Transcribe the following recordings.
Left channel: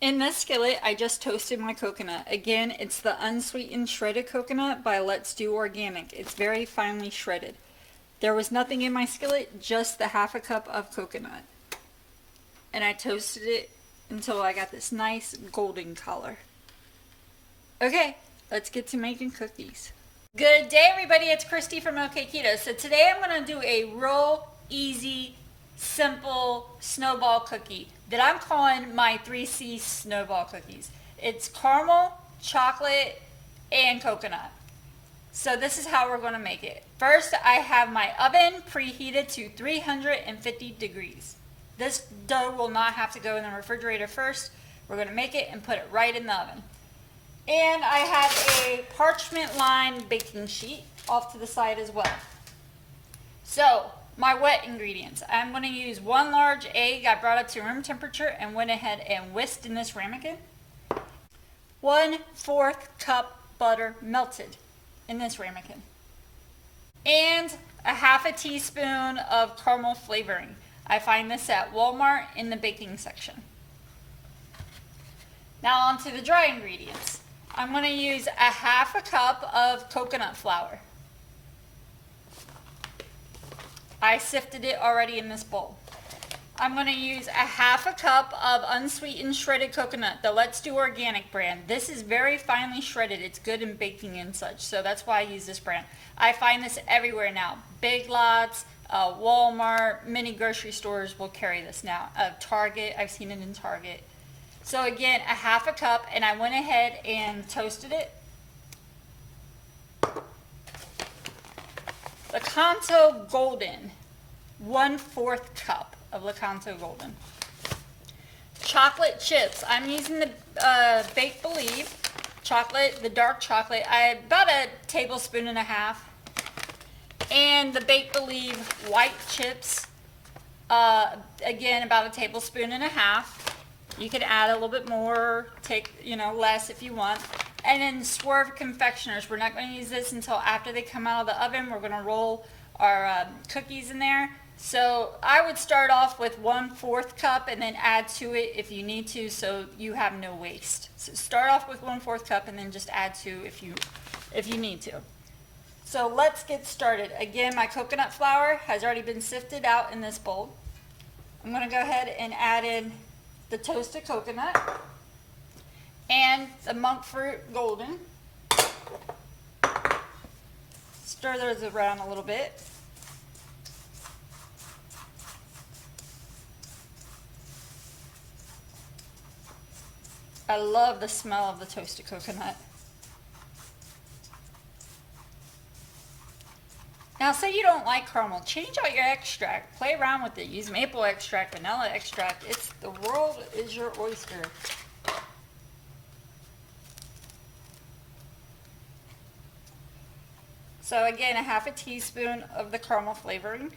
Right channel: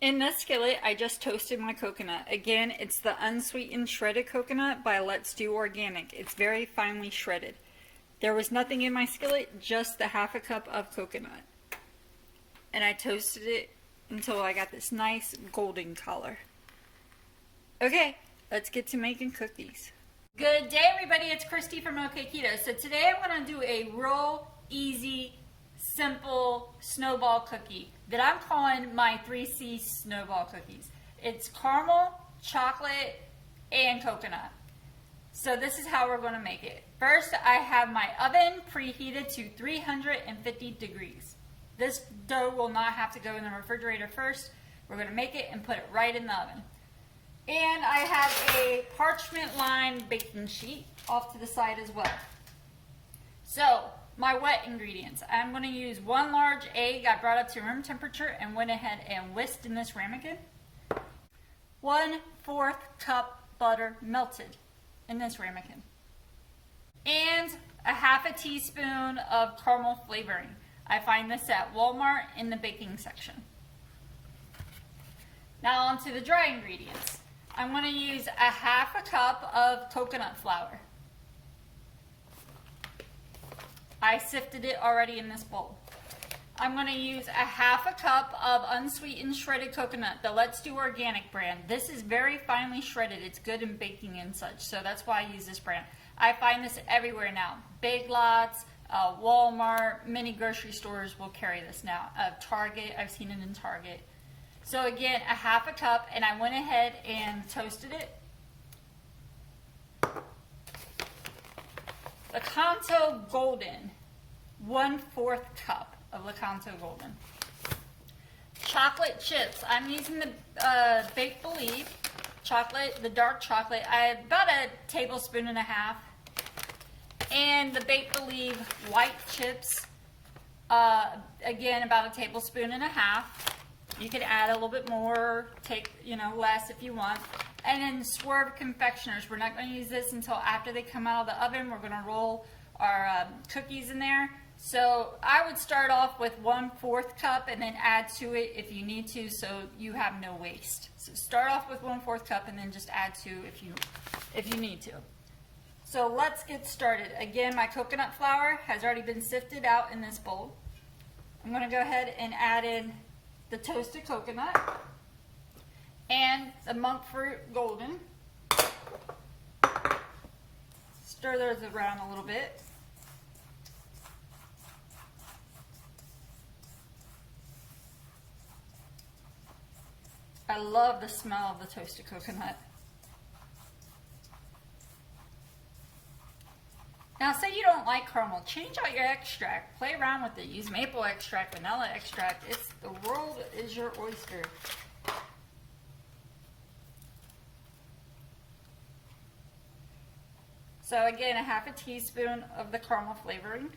In this skillet, I just toasted my coconut. Again, it's the unsweetened shredded coconut by Let's Do Organic. It's very finely shredded. There was nothing in my skillet, just the half a cup of coconut. And I toasted it until I got this nice golden color. Okay, let's get to making cookies. Good day, everybody. It's Kristy from Okketoh. So today I'm going to do a real easy, simple snowball cookie that I'm calling my 3C snowball cookies. It's caramel, chocolate, and coconut. So this is how we're going to make it. First, I have my oven preheated to 350 degrees. This dough will not have to go in the refrigerator first. We're going to make it and put it right in the oven. And I have a parchment lined baking sheet off to the side as well. So, my wet ingredients. I'm going to use 1 large egg I brought up to room temperature and went ahead and whisked in this ramekin. 1/4 cup butter melted in this ramekin. And a half a teaspoon of caramel flavoring. I find this at Walmart in the baking section. Now on to the dry ingredients. I'm going to use a half a cup of coconut flour. I sifted it already in this bowl. I'm going to use a half a cup of unsweetened shredded coconut, the Let's Do Organic brand. This is very finely shredded. It's good in baking and such, so that's why I use this brand. I find this everywhere now. Big Lots, Walmart, many grocery stores will carry this now. Target, I've seen it in Target. So again, a half a cup, and I went ahead and toasted it. Okketoh Golden, 1/4 cup of Okketoh Golden. Chocolate chips, I'm using the Bake Believe chocolate, the dark chocolate, about a tablespoon and a half. And the Bake Believe white chips, again, about a tablespoon and a half. You could add a little bit more, take, less if you want. And then Swerve confectioners. We're not going to use this until after they come out of the oven. We're going to roll our cookies in there. So I would start off with 1/4 cup and then add to it if you need to, so you have no waste. So start off with 1/4 cup and then just add to if you need to. So let's get started. Again, my coconut flour has already been sifted out in this bowl. I'm going to go ahead and add in the toasted coconut and the monk fruit golden. Stir those around a little bit. I love the smell of the toasted coconut. Now, say you don't like caramel, change out your extract. Play around with it. Use maple extract, vanilla extract. The world is your oyster. So again, a half a teaspoon of the caramel flavoring.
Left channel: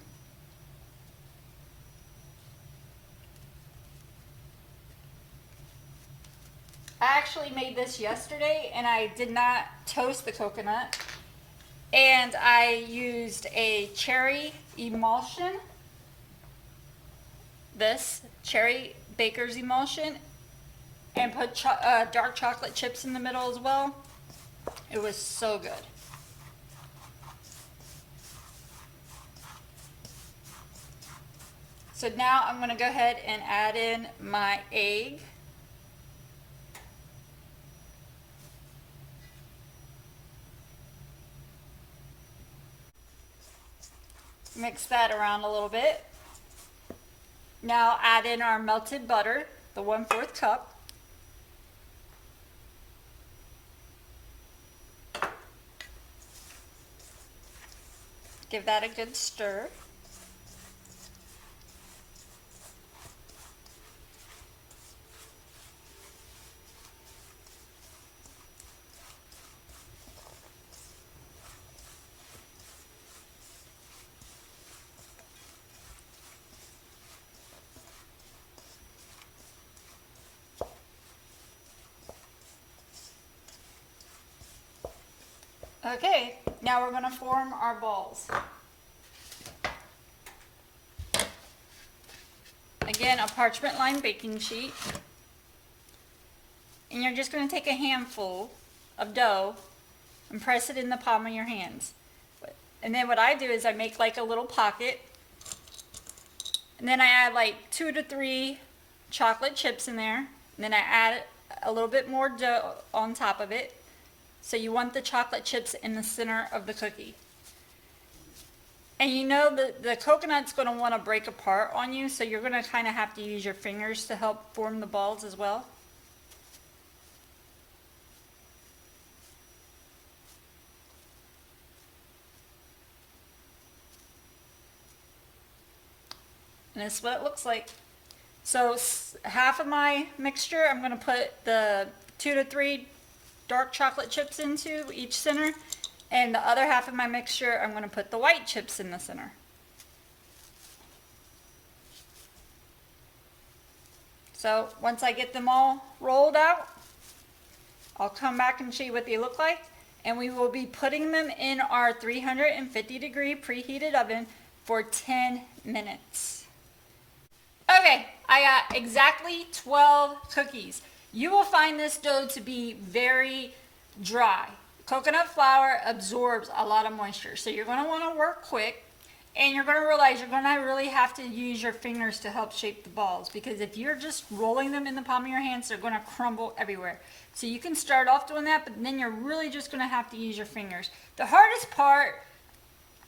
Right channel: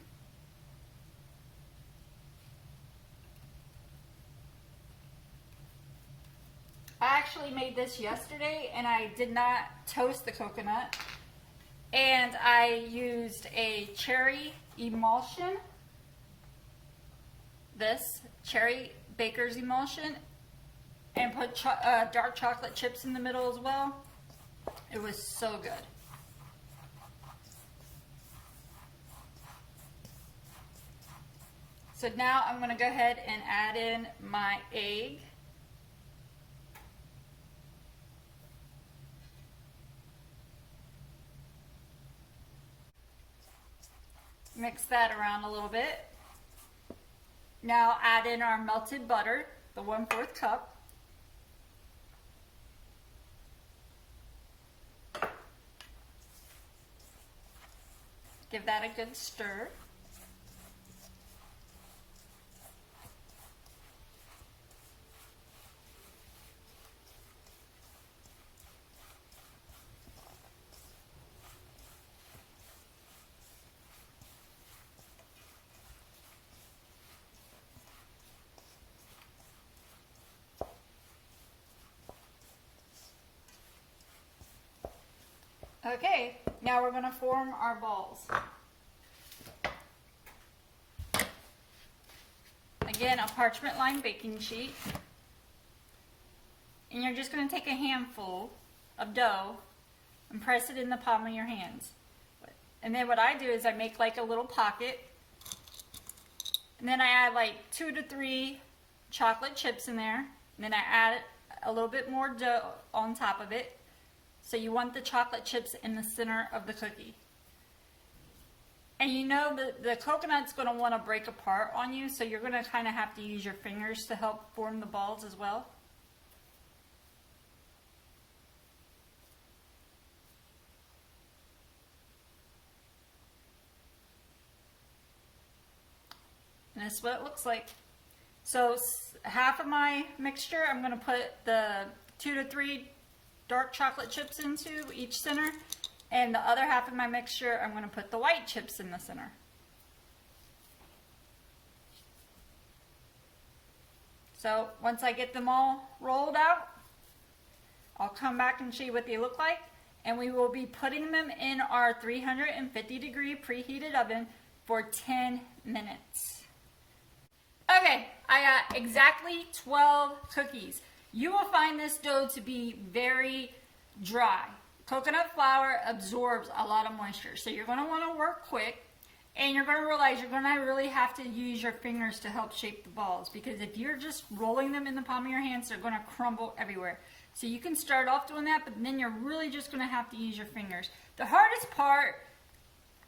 I actually made this yesterday and I did not toast the coconut. And I used a cherry emulsion, this cherry baker's emulsion, and put dark chocolate chips in the middle as well. It was so good. So now I'm going to go ahead and add in my egg. Mix that around a little bit. Now add in our melted butter, the 1/4 cup. Give that a good stir. Okay, now we're going to form our balls. Again, a parchment lined baking sheet. and you're just going to take a handful of dough and press it in the palm of your hands. And then what I do is I make like a little pocket, and then I add like 2 to 3 chocolate chips in there, and then I add a little bit more dough on top of it. So you want the chocolate chips in the center of the cookie. And you know the coconut's going to want to break apart on you, so you're going to kind of have to use your fingers to help form the balls as well. And this is what it looks like. So half of my mixture, I'm going to put the 2 to 3 dark chocolate chips into each center. And the other half of my mixture, I'm going to put the white chips in the center. So once I get them all rolled out, I'll come back and show you what they look like. And we will be putting them in our 350-degree preheated oven for 10 minutes. Okay, I got exactly 12 cookies. You will find this dough to be very dry. Coconut flour absorbs a lot of moisture, so you're going to want to work quick, and you're going to realize you're going to really have to use your fingers to help shape the balls, because if you're just rolling them in the palm of your hands, they're going to crumble everywhere. So you can start off doing that, but then you're really just going to have to use your fingers. The hardest part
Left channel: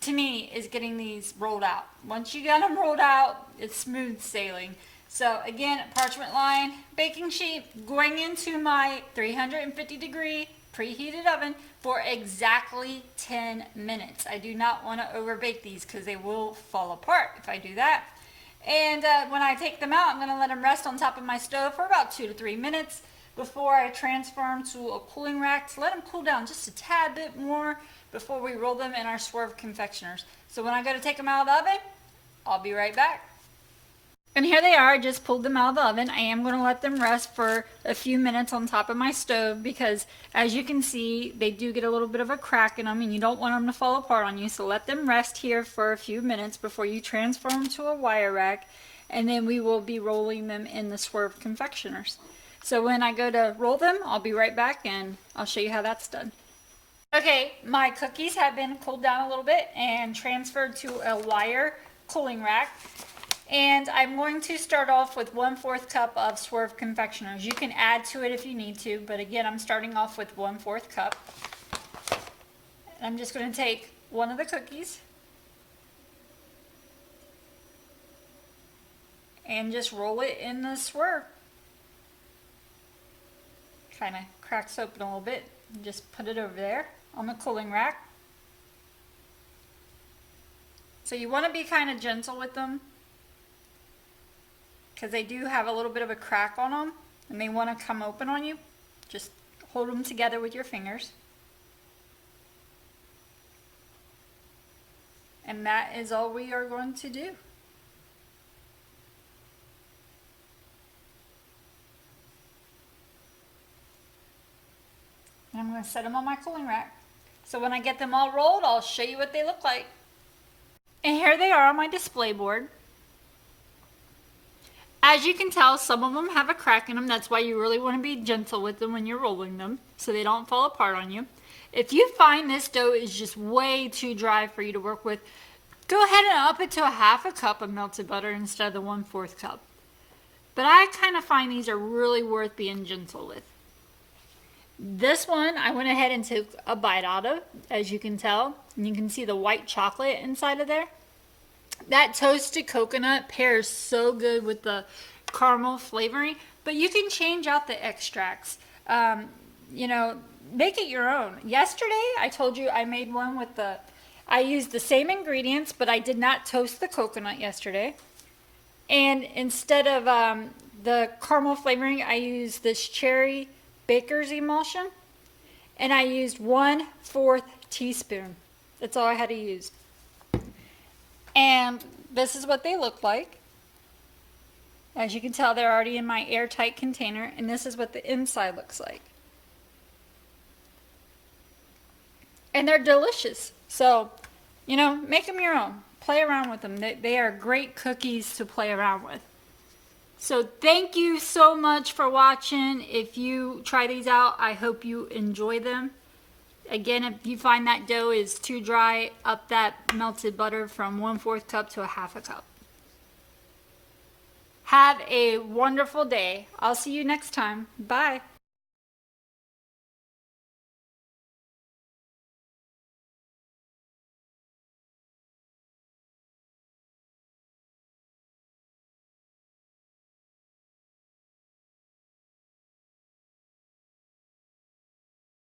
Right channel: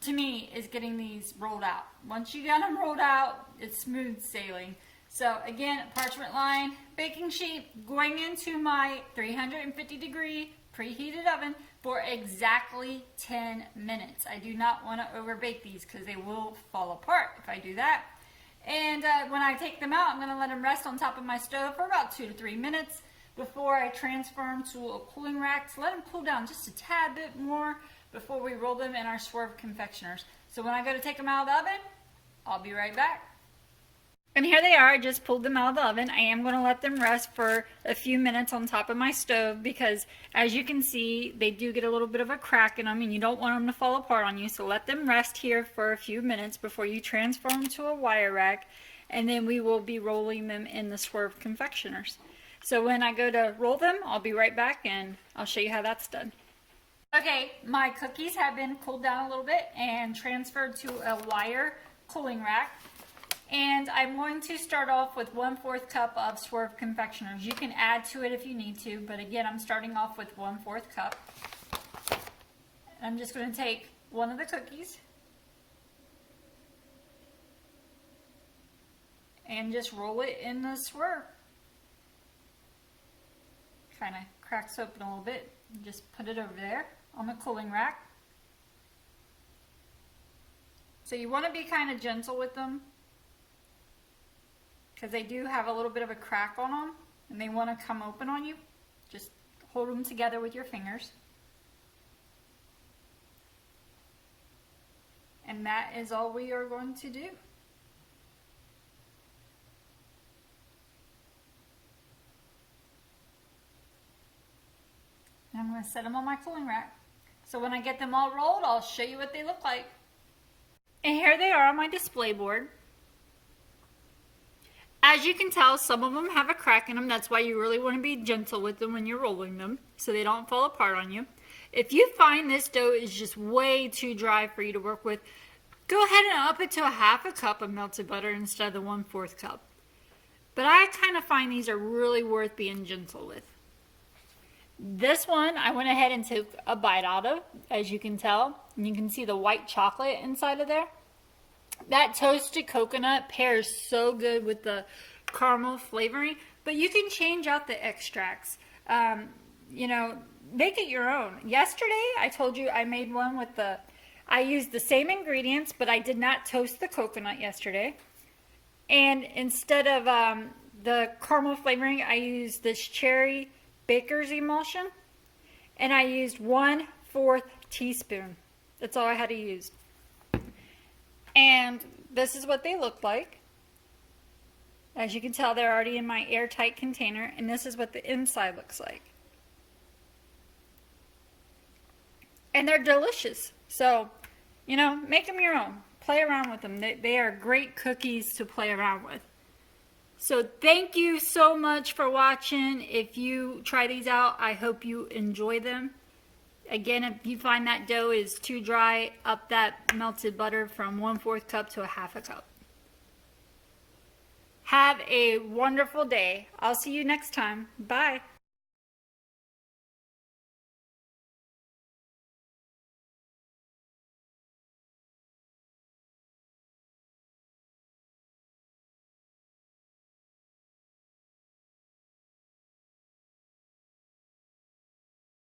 to me is getting these rolled out. Once you got them rolled out, it's smooth sailing. So again, parchment lined baking sheet going into my 350-degree preheated oven for exactly 10 minutes. I do not want to over bake these because they will fall apart if I do that. And when I take them out, I'm going to let them rest on top of my stove for about 2 to 3 minutes before I transfer them to a cooling rack to let them cool down just a tad bit more before we roll them in our Swerve confectioners. So when I go to take them out of the oven, I'll be right back. And here they are. I just pulled them out of the oven. I am going to let them rest for a few minutes on top of my stove because, as you can see, they do get a little bit of a crack in them and you don't want them to fall apart on you. So let them rest here for a few minutes before you transfer them to a wire rack, and then we will be rolling them in the Swerve confectioners. So when I go to roll them, I'll be right back and I'll show you how that's done. Okay, my cookies have been cooled down a little bit and transferred to a wire cooling rack. And I'm going to start off with 1/4 cup of Swerve confectioners. You can add to it if you need to, but again, I'm starting off with 1/4 cup. And I'm just going to take one of the cookies and just roll it in the Swerve. Kind of cracks open a little bit. Just put it over there on the cooling rack. So you want to be kind of gentle with them, because they do have a little bit of a crack on them and they want to come open on you. Just hold them together with your fingers. And that is all we are going to do. And I'm going to set them on my cooling rack. So when I get them all rolled, I'll show you what they look like. And here they are on my display board. As you can tell, some of them have a crack in them. That's why you really want to be gentle with them when you're rolling them so they don't fall apart on you. If you find this dough is just way too dry for you to work with, go ahead and up it to a 1/2 cup of melted butter instead of the 1/4 cup. But I kind of find these are really worth being gentle with. This one I went ahead and took a bite out of, as you can tell. And you can see the white chocolate inside of there. That toasted coconut pairs so good with the caramel flavoring, but you can change out the extracts. You know, make it your own. Yesterday, I told you I made one with I used the same ingredients, but I did not toast the coconut yesterday. And instead of the caramel flavoring, I used this cherry baker's emulsion, and I used 1/4 teaspoon. That's all I had to use. And this is what they look like. As you can tell, they're already in my airtight container, and this is what the inside looks like. And they're delicious. So, you know, make them your own. Play around with them. They are great cookies to play around with. So thank you so much for watching. If you try these out, I hope you enjoy them. Again, if you find that dough is too dry, up that melted butter from 1/4 cup to a 1/2 cup. Have a wonderful day. I'll see you next time. Bye.